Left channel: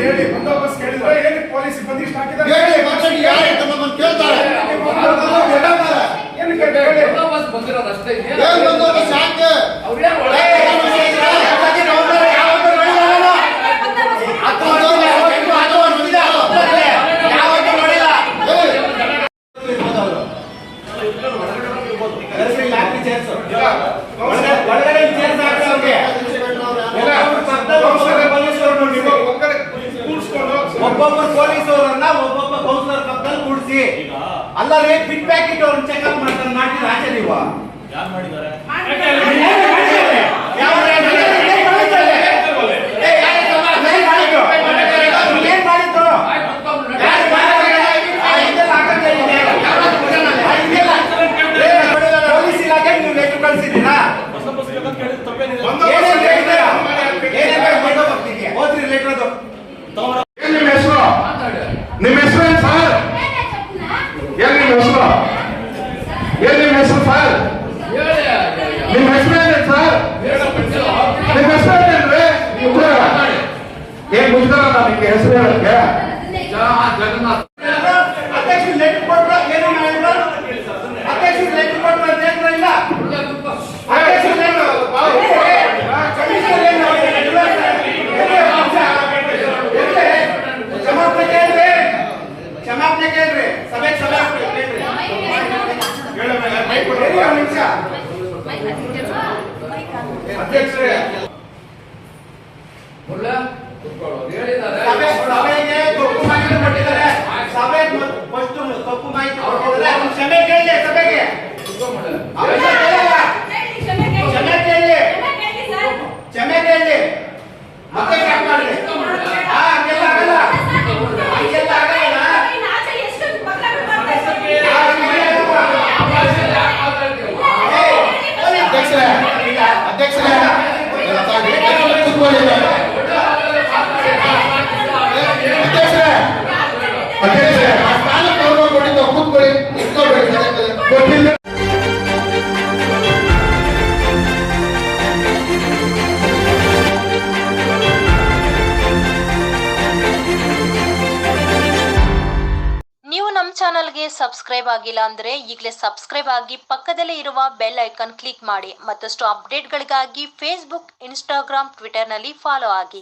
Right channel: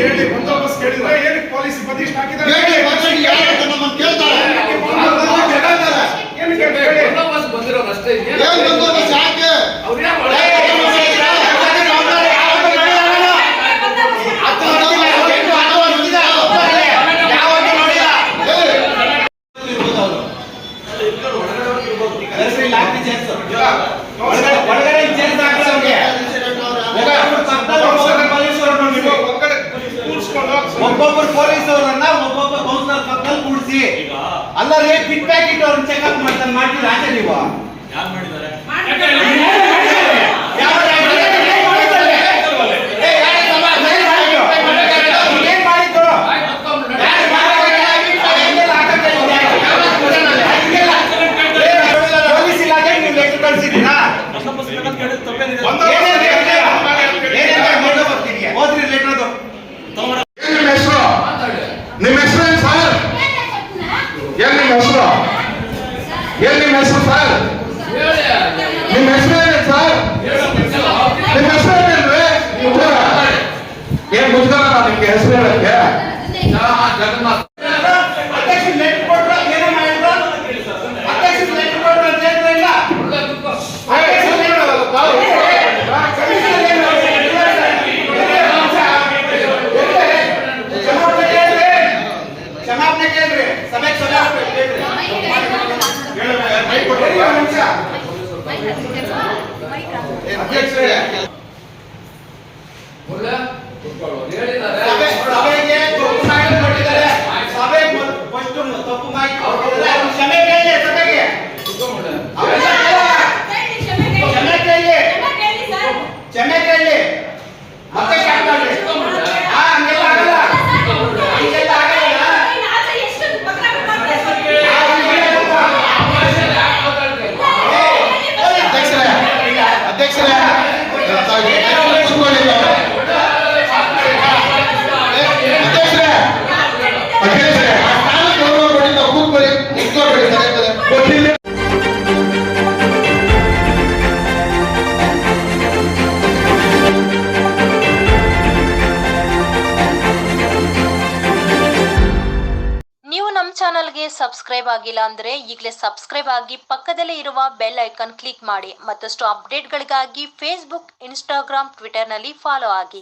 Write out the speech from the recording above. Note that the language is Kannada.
ಹೇಳಿ ಬಂದೋಬಸ್ತ್ ಕೇಳಿದ್ರೆ ಏನಕ್ಕೆ ಪೊಲೀಸ್ ಬಂದಿಷ್ಟು ಹಾಕಿದ್ದಾರೆ ಹೇಳಿ ಮಾತಾಡಿ ಯಾರು ಅಂತ ನಮ್ಮನ್ನು ಕೇಳ್ತಾರೆ ಏನು ಕೇಳ್ತಾರೆ ಬಂದೋಬಸ್ತ್ ಬಂದಿರೋದು ಅಷ್ಟೇ ಏನು ಬಂದೋಬಸ್ತ್ ಯಾಕೆ ಅವ್ರಿಗೆ ಒಬ್ಬೊಬ್ಬರು ಪೊಲೀಸ್ ಅವರನ್ನ ಒಬ್ಬೊಬ್ಬ ಕೌನ್ಸಿಲರ್ ಪಕ್ಕದಲ್ಲಿ ಕೂಡಿಸಿ ಅಲ್ಲರೇ ಪಿಟ್ ಪ್ಯಾಕೆಟ್ ಅವ್ರನ್ನ ಚೆಕ್ಅಪ್ ಮಾಡ್ತೀರಾ ಆಚೆ ನೀವು ಯಾರು ಮಾಡಿದ್ದಾರೆ ಪೊಲೀಸ್ ಇಲಾಖೆ ನೀವು ಲೆಟರ್ ಕಳಿಸಿದ್ದೀರಾ ಓದ್ರಿ ಲೆಟರ್ ಅದು ನಿಮ್ಮ ಹೆಸರು ಏನು ಸರ್ ಏನು ನಿಮ್ಮ ಹೆಸರು ಏನು ನಿಮ್ಮ ಹೆಸರು ಸರ್ ನಿಮ್ಮ ಹೆಸರು ಏನೇನು ಸರ್ ನಿಮ್ಮ ಹೆಸರು ಏನೇನ್ರಿ ನೀವು ಏನ್ ಮುಗ್ದಲ್ಲ ನಿಮ್ಗೆ ಹೆಸರು ಹೇಳಕ್ಕೆ ಜಗನ್ನಾಥ್ ಅಧ್ಯಕ್ಷ ಲೆಟರ್ ಕೊಟ್ರು ಏನೋ ಮಾಡಿದ್ರು ಅಧ್ಯಕ್ಷ ಲೆಟರ್ ಕೊಟ್ರು ಅಂತ ಹೇಳಿದ್ರು ಇಲ್ಲ ಅಧ್ಯಕ್ಷ ಕ್ಷಮಾಪಣೆ ಕೇಳ್ರಿ ಸಭೆ ಕ್ಷಮಾಪಣೆ ಕೇಳ್ರಿ ಅಧ್ಯಕ್ಷರೇ ಸಭೆಗೆ ತಪ್ಪು ಮಾಹಿತಿ ಕೊಟ್ಟಿದ್ದಾರೆ ಸಭೆ ಫಸ್ಟ್ ತಪ್ಪು ಮಾಹಿತಿ ಕ್ಷಮೆ ಕೇಳಿ ಸಭೆಗೆ ಕ್ಷಮೆ ಕೇಳಿ ಮತ್ತೆ ಸ್ಟಾರ್ಟ್ ಮಾಡಿ ಹಂಗೆಲ್ಲ ಆಗಲ್ಲ ಹಂಗೆಲ್ಲ ಆಗಲ್ಲ ಅಧ್ಯಕ್ಷರೇ ನೀವು ನಮ್ಮ ಚಾನಲ್ಗೆ ಸಬ್ಸ್ಕ್ರೈಬ್ ಆಗಿಲ್ಲ ಅಂದ್ರೆ ಈಗಲೇ ಸಬ್ಸ್ಕ್ರೈಬ್ ಆಗಿ ಪಕ್ಕದಲ್ಲೇ ಇರುವ ಬೆಲ್ ಐಕಾನ್ ಕ್ಲಿಕ್ ಮಾಡಿ. ಮತ್ತಷ್ಟು ಅಪ್ಡೇಟ್ಗಳಿಗಾಗಿ ಫೇಸ್ಬುಕ್, ಇನ್ಸ್ಟಾಗ್ರಾಮ್, ಟ್ವಿಟರ್ನಲ್ಲಿ ಫಾಲೋ ಆಗಿ.